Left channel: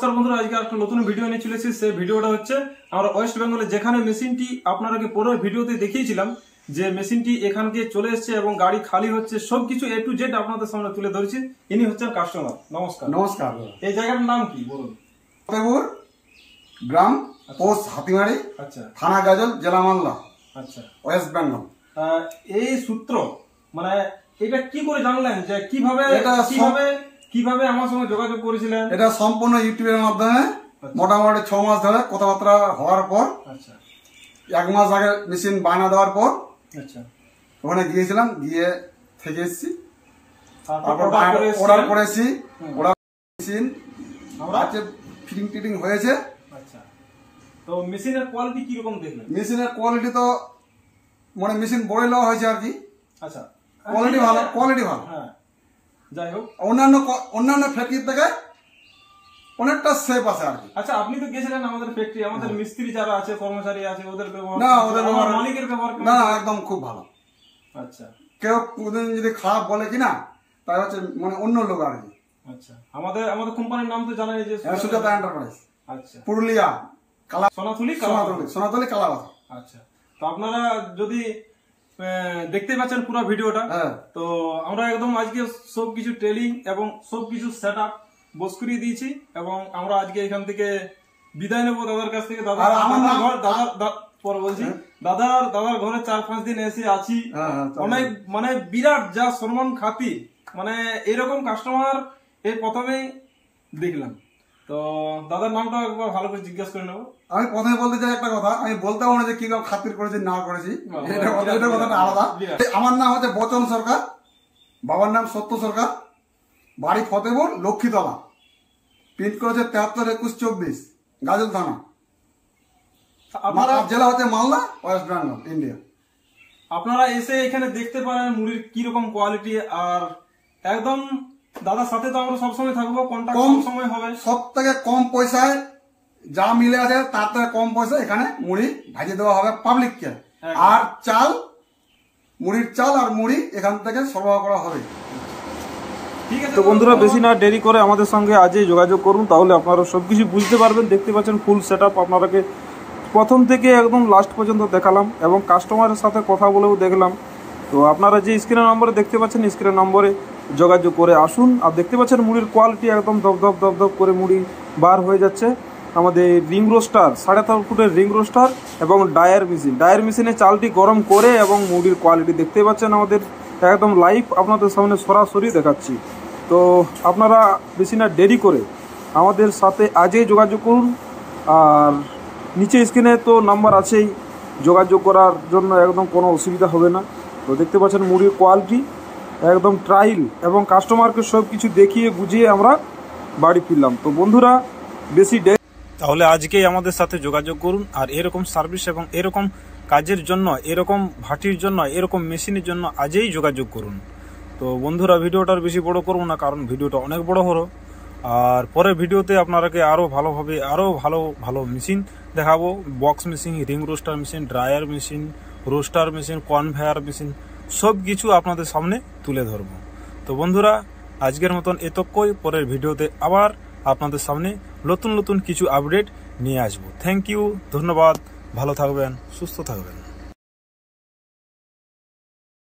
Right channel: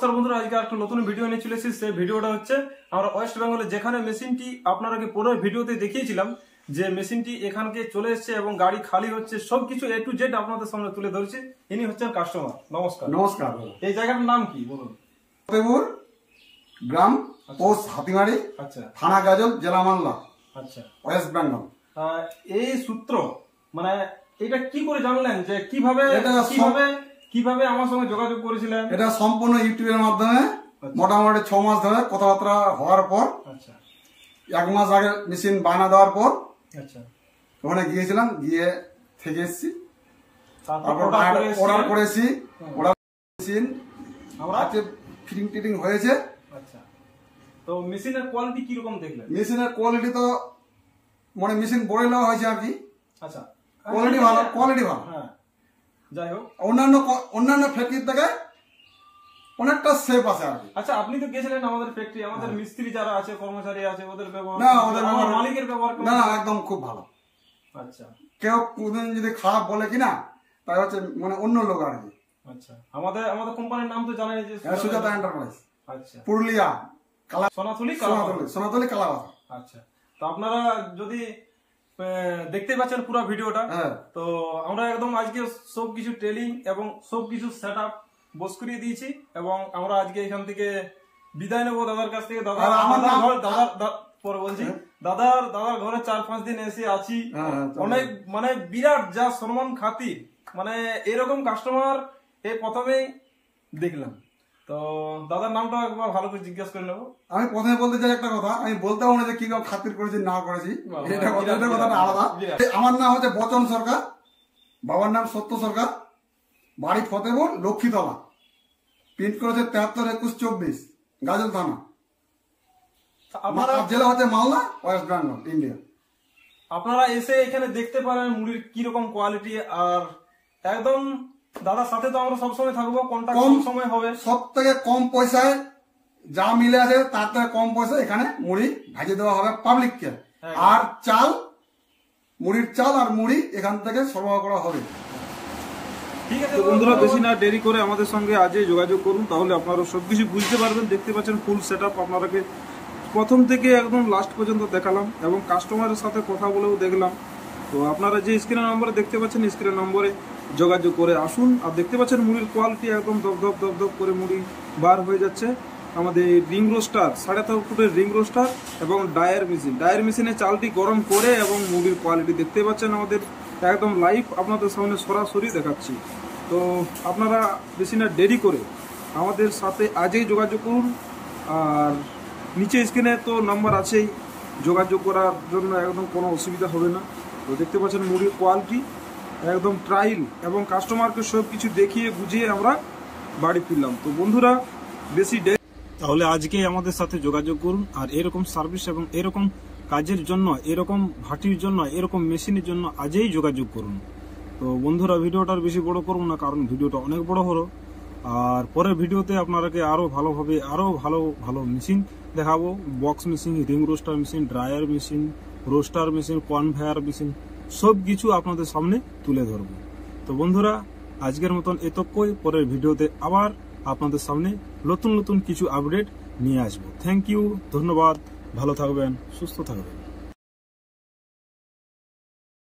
নমস্কার বন্ধুরা, আজকে একটা নতুন ভিডিও নিয়ে চলে এসেছি। সেই ভিডিওটা হচ্ছে আমরা ওয়েস্ট বেঙ্গলে যেখানে মেশিনটি আপনাদেরকে পুরো ভিডিওতে দেখিয়েছিলাম যে মেশিনটি এখানকে চলে এসেছে এবং গাড়ি খালি হচ্ছে, সবকিছু এ টু জেড আপনাদের সামনে তুলে ধরেছি। ইনি হচ্ছেন কাস্টমার। নমস্কার। নমস্কার। এই জায়গাটার নাম কি বলুন? ফতেপুর গ্রাম, পোস্ট হাতিমারি, আচ্ছা, থানা গাজল, জেলা মালদা, আচ্ছা, ওয়েস্ট বেঙ্গল। এই সূত্র মানে এটা কি করে জানলেন যে কিভাবে কিভাবে আমার সঙ্গে যোগাযোগ করেছিলেন? এটা সম্পূর্ণ ইউটিউবের মাধ্যমে মোটামুটি 6 মাস ধরে কথাবার্তা হওয়ার পর, আচ্ছা, 1 মাস আগে মেশিন বায়না দেওয়ার পর, আচ্ছা, ওখানে গিয়েছিলাম, গিয়ে থেকে এসেছি, তারপর অর্ডার করেছি। অর্ডার মেশিন আছে, ফিটিং টিটিং হয়েছে। আচ্ছা, তো মেশিনের কোয়ালিটি কি রকম দেখলেন? মেশিনের কোয়ালিটি তো মানে মেশিন বড় নেওয়া হয়েছে আর কি। আচ্ছা, কোয়ালিটি ভালো, কোয়ালিটি ভালো। হ্যাঁ, যাই হোক, অন্যান্য ফ্যাক্টরি থেকে অনেকটা সেফ আছে আর কি। আচ্ছা, আপনি তো গেছিলেন আমাদের ফ্যাক্টরি, আমাদের মিস্ত্রি যারা আছে, কর্মচারী আছে, ওদের ব্যবহার না, ওদের ব্যবহার, মালিকের ব্যবহার না, একদম খুব ভালো। আচ্ছা, কেউ কোনদিন যদি খারাপ বলে কিনা তাই হচ্ছে মানে অন্য লোক আর কি। আচ্ছা, আমাদের কোম্পানির নাম তো জানেন যে সুজাতা এন্টারপ্রাইজ। আচ্ছা, পুরুলিয়া, সোনাতলি কালাবাসা। আচ্ছা, তো আপনারা যদি দেখতে পাচ্ছেন পুরো ভিডিওটা, তো আমরা একদম আজকে সবকিছু টেলিং এবং সবকিছু সেট আপ বস করিয়ে দিয়েছি এবং আমরা আজকে এখান থেকে বিদায় নেবো দাদার কাছ থেকে। দাদার ঘরে 4-5 দিন এসে আছি। অনেক মানে বিরাট যা সম্মান খাতির, মানে এরকম কাস্টমার এই প্রথমেই দেখলাম। তো দাদার নামটা একবার ভালো করে জিজ্ঞাসা করে নেবো। আমি প্রথমে বলতে চাই একটা কথা, আমি বলতেও না যে কি খাতির করেছি না করেছি, এটা কথাটা আলাদা। আমার নাম হচ্ছে বচন সরকার, বাবার নাম সত্য সরকার, বাড়ি ফতেপুর লক্ষ্মীতলা, পিন করেছে 732124, গাজল থানা, জেলা হচ্ছে মালদা, ওয়েস্ট বেঙ্গল, ইন্ডিয়া। আপনারা এসে এখানে দেখতে পারেন মুড়ির কিরকম কোয়ালিটি। আর একদম দাদার সাথে তো আমরা সবসময় থাকবো, কন্টাক্ট সব সময় হবে। সব থেকে কম পয়সায় যা মিলে আছে তার থেকে কম পয়সা এখানে মুড়ি ভাজিয়ে দেওয়া হবে পাবলিককে। আর চাল, মুড়ির চাল আর মুড়ি এখান থেকে সরবরাহ করা হবে। ঠিক আছে, তো বন্ধুরা বেশি না দেরি করে আমাদের সঙ্গে আজই যোগাযোগ করুন, তাহলে আপনারা সবকিছু বুঝতে পারবেন। দেখতে পাচ্ছেন ফুল সেট আপ, আপনাদেরকে প্রথম থেকে একদম লাস্ট পর্যন্ত দেখালাম এবং কাস্টমারের সাথে কথা বলেও দেখলাম। তো আপনারা যে স্ক্রিনের নম্বরে দেখতে পাচ্ছেন, স্ক্রিনের নম্বরে যোগাযোগ করে আসুন। আর দেখতে পাচ্ছেন মুড়ির কোয়ালিটি একদম দপদপ দপদপ করে মুড়ি বার হয়ে যাচ্ছে। আমাদের রিং রোস্টার, 3.5 ফুটের রিং রোস্টার এবং ডায়ার মেশিনে চালটি গরম করে এবং মুড়ির কোয়ালিটি দেখতে পাচ্ছেন আমাদের একদম লাইভ আপনাদের সামনে সরাসরি দেখাচ্ছি। তো আপনারা বেশি না দেরি করে আমাদের সাথে আজই যোগাযোগ করুন। আর নিচে স্ক্রিনে তো নাম্বার আছেই, যোগাযোগ করার জন্য একদম কোনো অসুবিধা হবে না। তো দেখতে পাচ্ছেন মুড়ির কোয়ালিটি একদম ট্রায়াল এবং কাস্টমারকে সব কিছু দেখিয়ে বুঝিয়ে আমরা বাড়ি ফিরলাম। তো বন্ধুরা বেশি তাহলে আজকেই আমাদের সাথে যোগাযোগ করুন। আর এরকম সার্ভিস এবং এরকম কাজের জন্য, এরকম ভাটির জন্য, এরকম মেশিনের জন্য আজই যোগাযোগ করুন। তো বন্ধুরা ভিডিওটার বেশি বড় করবো না, কারণ ভিডিওটা অনেক বড় হলো। আর পরের ভিডিওতে আপনারাকে আরও ভালোভাবে আরও ভালো মেশিন দেখাবো। Box machine, ring roaster machine, dryer machine, roaster machine, conveyor machine, সব কিছু আপনাদের সামনে তুলে ধরবো। তো বন্ধুরা আজকের মতন এতক্ষই, পরের ভিডিওতে আবার আপনাদের সামনে নতুন কিছু আপডেট নিয়ে আসবো। থ্যাংক ইউ, ধন্যবাদ, ভালো থাকবেন, সুস্থ থাকবেন।